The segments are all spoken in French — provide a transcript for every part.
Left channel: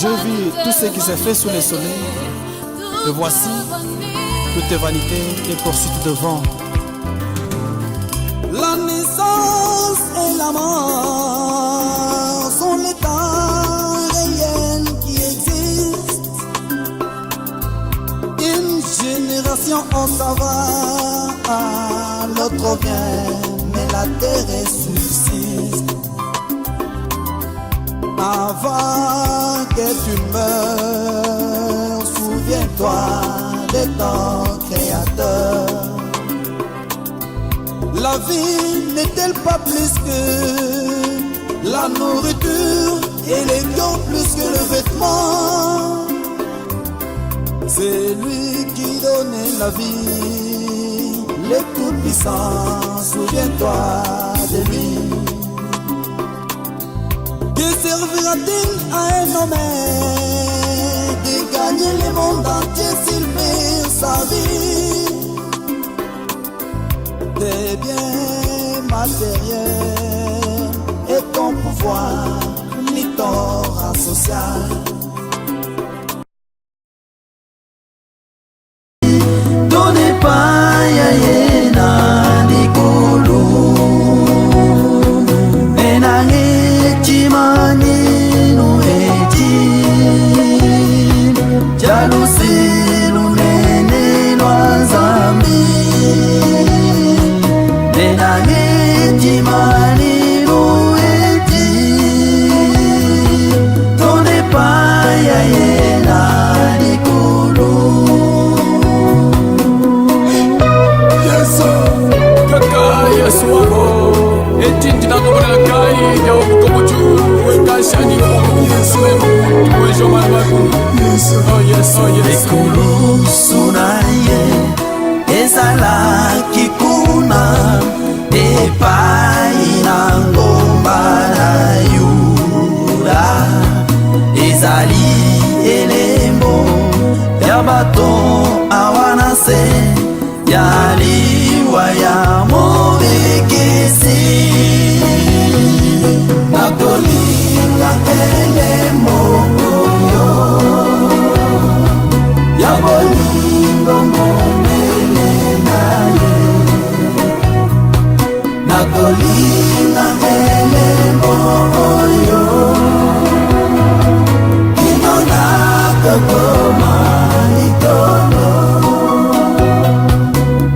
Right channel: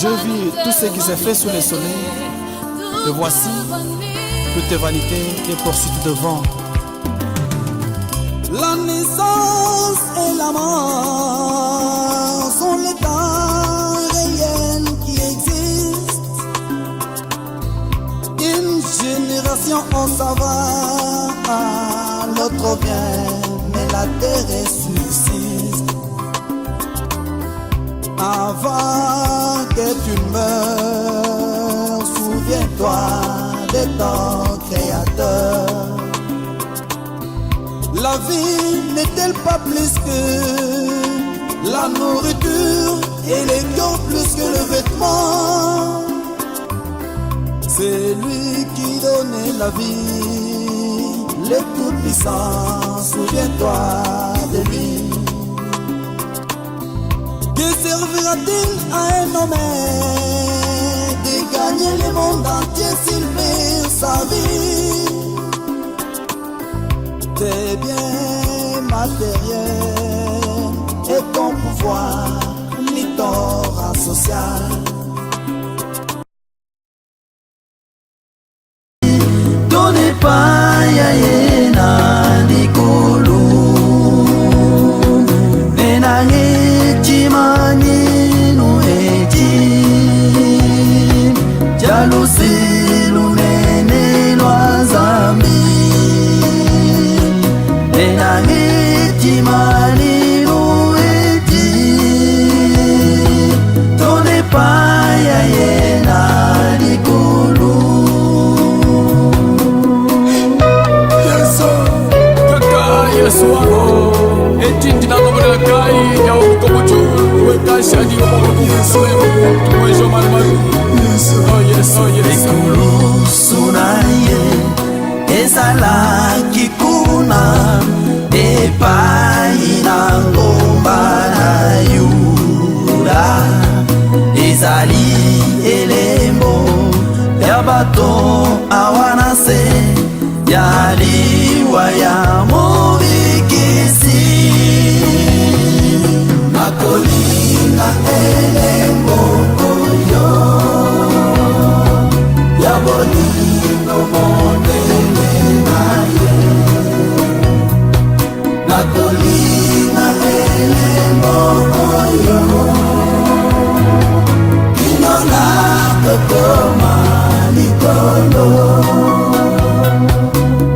Je vis tout ce qui s'est fait sous le soleil, et voici, toute vanité et poursuite de vent. La naissance et la mort sont les temps réels qui existent. Une génération on s'en va, l'autre vient, mais la terre est subsiste. Avant que tu meurs, souviens-toi de ton Créateur. La vie n'est-elle pas plus que la nourriture et les corps plus que le vêtement? C'est lui qui donnait la vie, le Tout-Puissant, souviens-toi de lui. Que servira-t-il à un homme de gagner le monde entier s'il perd sa vie? Tes biens matériels et ton pouvoir, ni ton rang social. Donnez pas yayena nikulu, nenange chimani nueti, jalousi lunene lwazambi. Nenange mani nueti, tone paya yena nikulu. Yesu, kaka Yesu wako, etindi na ngomona kai ya ukomuju, weka shani ukomuju, Yesu wejo malmaru. Yesu, oh yes, oh yes. Nikulu sunaye, ezala kikuna. Epai na ngomba na Yuda, ezali elembo ya bato awanase ya liwa ya mobikisi. Nakolinga elembo yo ya bolingo monene na ye. Nakolinga elembo yo kinona kokoma litono.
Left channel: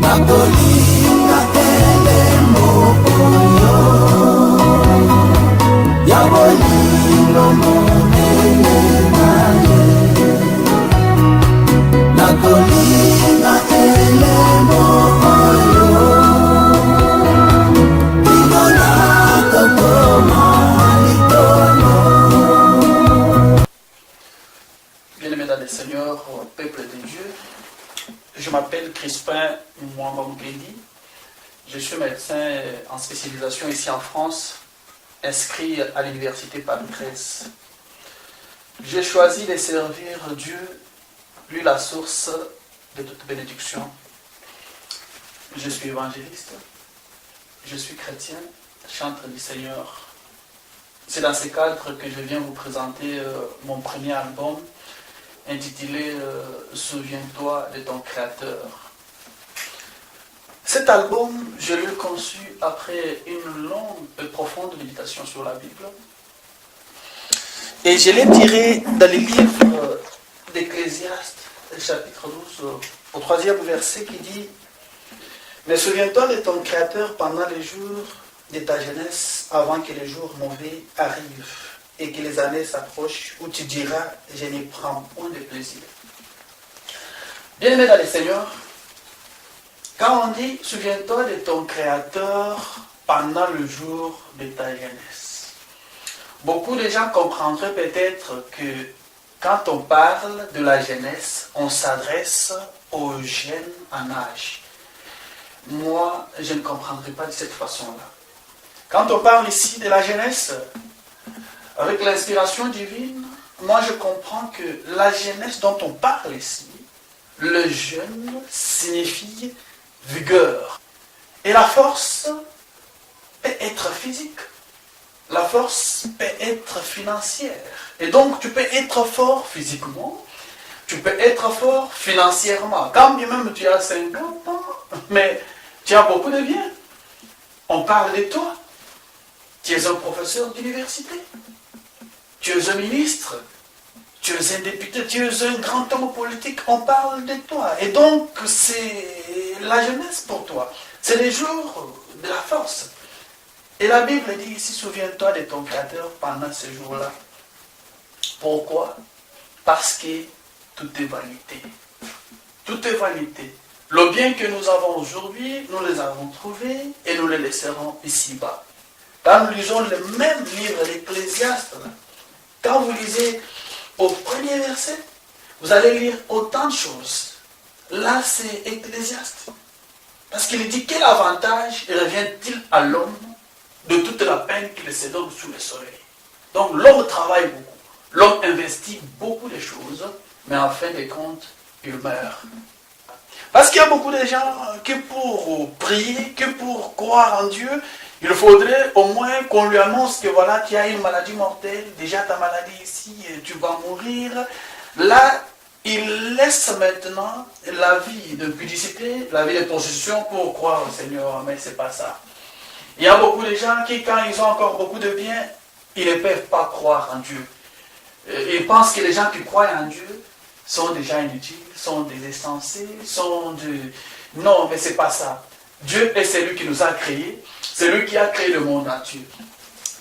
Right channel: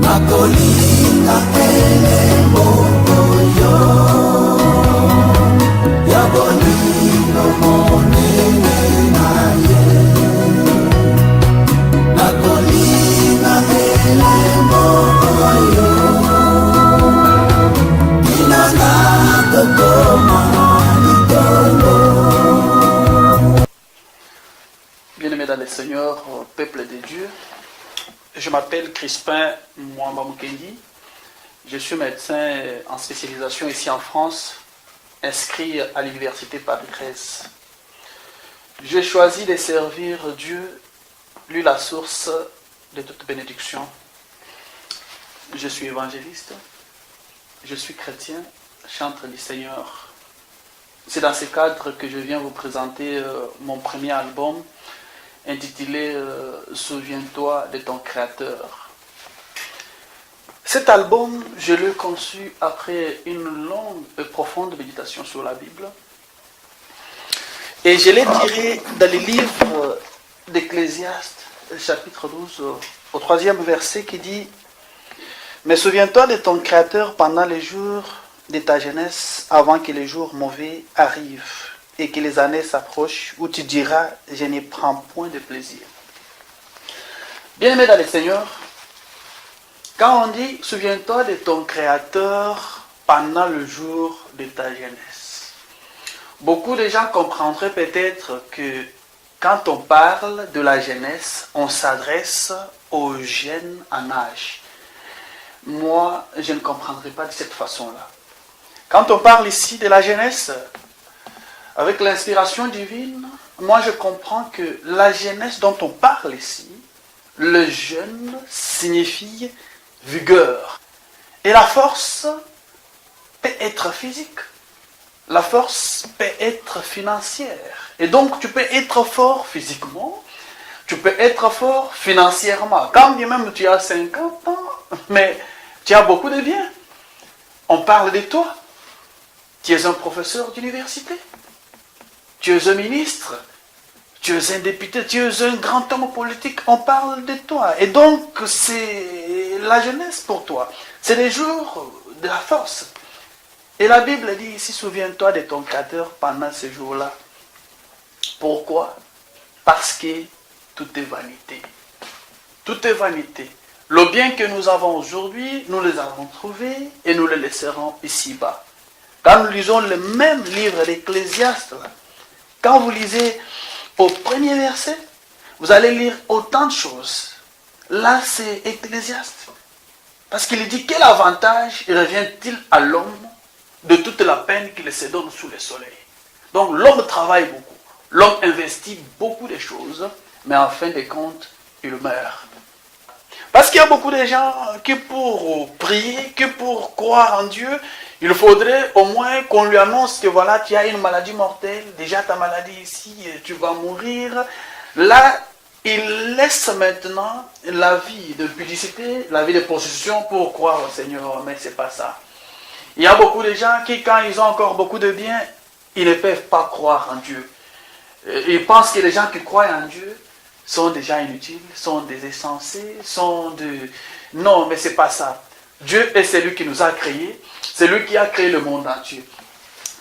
Nakolinga elembo yo ya bolingo monene na ye. Nakolinga elembo yo kinona kokoma litono. Bien-aimés dans le Seigneur, peuple de Dieu, je m'appelle Crispin Mwamba Mukendi. Je suis médecin en spécialisation ici en France, inscrit à l'université Paris 13. J'ai choisi de servir Dieu, lui la source de toute bénédiction. Je suis évangéliste, je suis chrétien, chantre du Seigneur. C'est dans ce cadre que je viens vous présenter mon premier album intitulé Souviens-toi de ton Créateur. Cet album, je l'ai conçu après une longue et profonde méditation sur la Bible. Et je l'ai tiré dans le livre d'Ecclésiaste, chapitre 12, au 3e verset qui dit « Mais souviens-toi de ton Créateur pendant les jours de ta jeunesse, avant que les jours mauvais arrivent et que les années s'approchent, où tu diras, je n'y prends point de plaisir. » Bien-aimé dans le Seigneur, quand on dit, souviens-toi de ton Créateur pendant le jour de ta jeunesse, beaucoup de gens comprendraient peut-être que quand on parle de la jeunesse, on s'adresse aux jeunes en âge. Moi, je ne comprendrai pas de cette façon-là. Quand on parle ici de la jeunesse, avec l'inspiration divine, moi je comprends que la jeunesse dont on parle ici, le jeune signifie vigueur. Et la force peut être physique, La force peut être financière. Et donc, tu peux être fort physiquement, tu peux être fort financièrement. Quand bien même tu as 50 ans, mais tu as beaucoup de biens. On parle de toi. Tu es un professeur d'université. Tu es un ministre. Tu es un député. Tu es un grand homme politique. On parle de toi. Et donc, c'est la jeunesse pour toi. C'est les jours de la force. Et la Bible dit ici, souviens-toi de ton Créateur pendant ces jours-là. Pourquoi? Parce que tout est vanité. Tout est vanité. Le bien que nous avons aujourd'hui, nous les avons trouvés et nous les laisserons ici-bas. Quand nous lisons le même livre d'Ecclésiaste, quand vous lisez au premier verset, vous allez lire autant de choses. Là, c'est Ecclésiaste. Parce qu'il dit, quel avantage revient-il à l'homme de toute la peine qu'il se donne sous le soleil? Donc l'homme travaille beaucoup. L'homme investit beaucoup de choses, mais en fin de compte, il meurt. Parce qu'il y a beaucoup de gens qui pour prier, que pour croire en Dieu, il faudrait au moins qu'on lui annonce que voilà, tu as une maladie mortelle, déjà ta maladie ici, tu vas mourir. Là, il laisse maintenant la vie de pudicité, la vie de prostitution pour croire au Seigneur, mais ce n'est pas ça. Il y a beaucoup de gens qui, quand ils ont encore beaucoup de biens, ils ne peuvent pas croire en Dieu. Ils pensent que les gens qui croient en Dieu sont des gens inutiles, sont des insensés, sont de... Non, mais ce n'est pas ça. Dieu est celui qui nous a créés, c'est lui qui a créé le monde entier.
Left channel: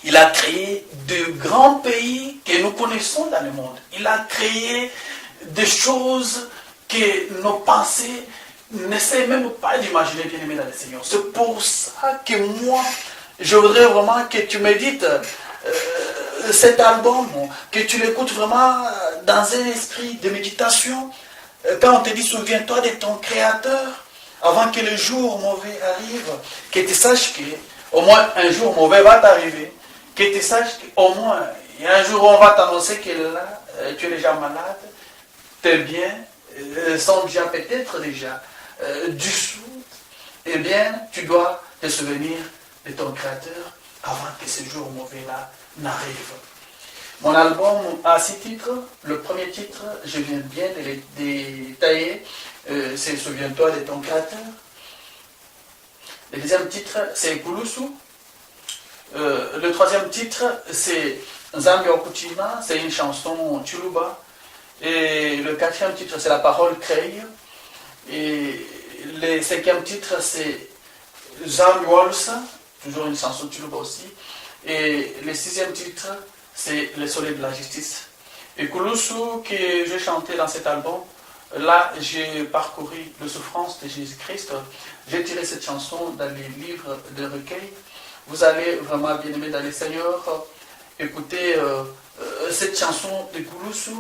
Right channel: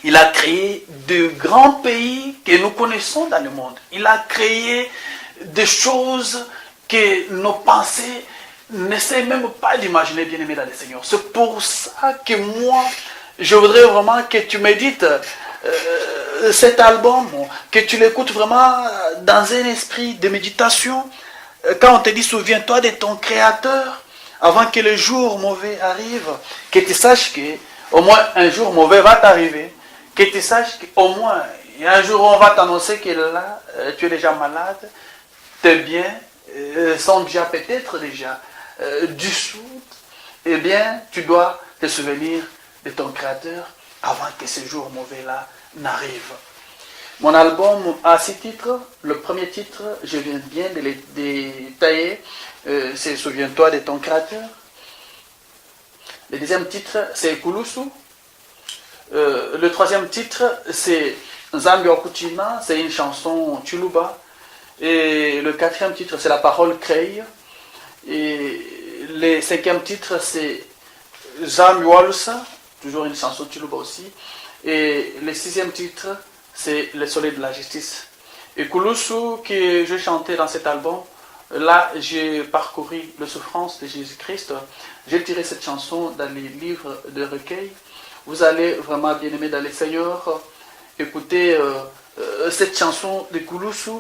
Il a créé de grands pays que nous connaissons dans le monde. Il a créé des choses que nos pensées n'essaient même pas d'imaginer, bien aimé dans le Seigneur. C'est pour ça que moi, je voudrais vraiment que tu médites cet album, que tu l'écoutes vraiment dans un esprit de méditation. Quand on te dit souviens-toi de ton Créateur, avant que le jour mauvais arrive, que tu saches qu'au moins un jour mauvais va t'arriver, que tu saches qu'au moins un jour on va t'annoncer que là, tu es déjà malade, tes biens sont déjà peut-être déjà dissous, eh bien tu dois te souvenir de ton Créateur avant que ce jour mauvais-là n'arrive. Mon album a 6 titres. Le premier titre, je viens bien de les détailler, c'est Souviens-toi de ton Créateur. Le deuxième titre, c'est Kulusu. Le troisième titre, c'est Nzambi Okutima, c'est une chanson Chuluba. Et le quatrième titre, c'est La parole crée. Et le cinquième titre, c'est Zambi Walusa, toujours une chanson Chuluba aussi. Et le sixième titre, c'est Le soleil de la justice. Et Kulusu, que j'ai chanté dans cet album, là j'ai parcouru la souffrance de Jésus-Christ. J'ai tiré cette chanson dans les livres de recueil. Vous allez vraiment bien aimer dans le Seigneur écouter cette chanson de Kulusu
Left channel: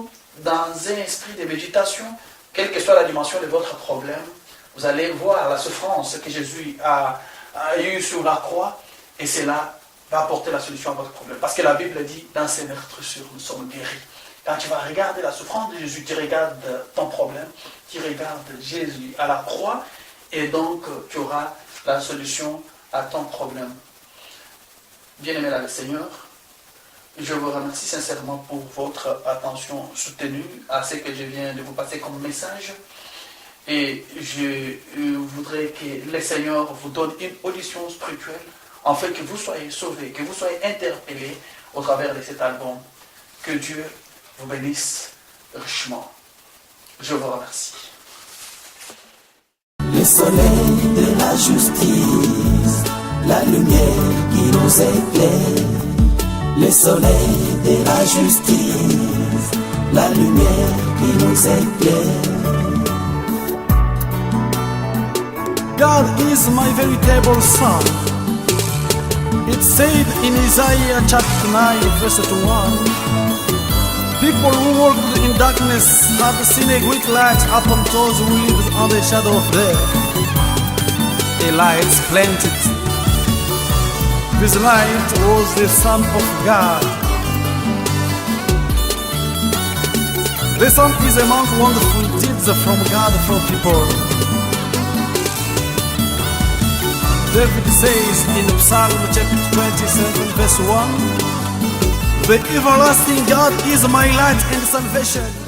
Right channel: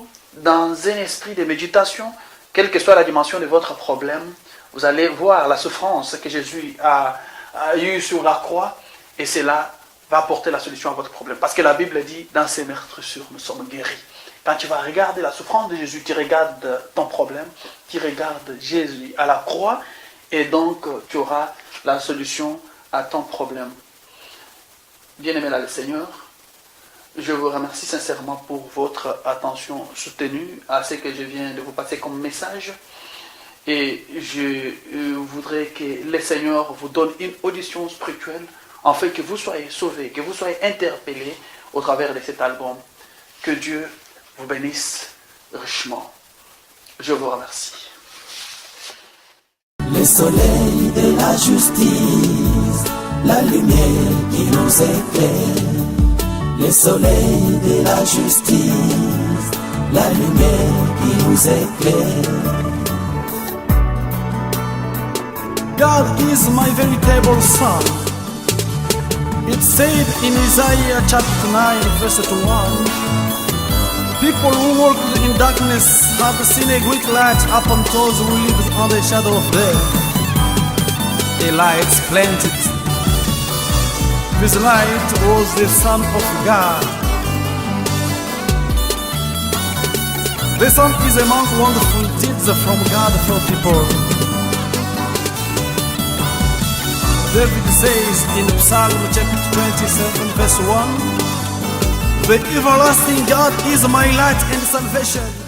dans un esprit de méditation, quelle que soit la dimension de votre problème. Vous allez voir la souffrance que Jésus a eue sur la croix, et cela va apporter la solution à votre problème. Parce que la Bible dit, dans ces meurtrissures, nous sommes guéris. Quand tu vas regarder la souffrance de Jésus, tu regardes ton problème, tu regardes Jésus à la croix, et donc tu auras la solution à ton problème. Bien-aimé dans le Seigneur, je vous remercie sincèrement pour votre attention soutenue à ce que je viens de vous passer comme message. Et je voudrais que le Seigneur vous donne une audition spirituelle, afin que vous soyez sauvés, que vous soyez interpellés au travers de cet album. Que Dieu vous bénisse richement. Je vous remercie. Le soleil de la justice, la lumière qui nous éclaire. Le soleil de la justice, la lumière qui nous éclaire. God is my veritable son. It said in Isaiah chapter 9 verse 1, people who walked in darkness have seen a great light upon those who lived under the shadow of death. A light planted. This light was the Son of God. The Son is among wonderful deeds from God for people. David says in Psalm chapter 27 verse 1, "The everlasting God is my light and salvation."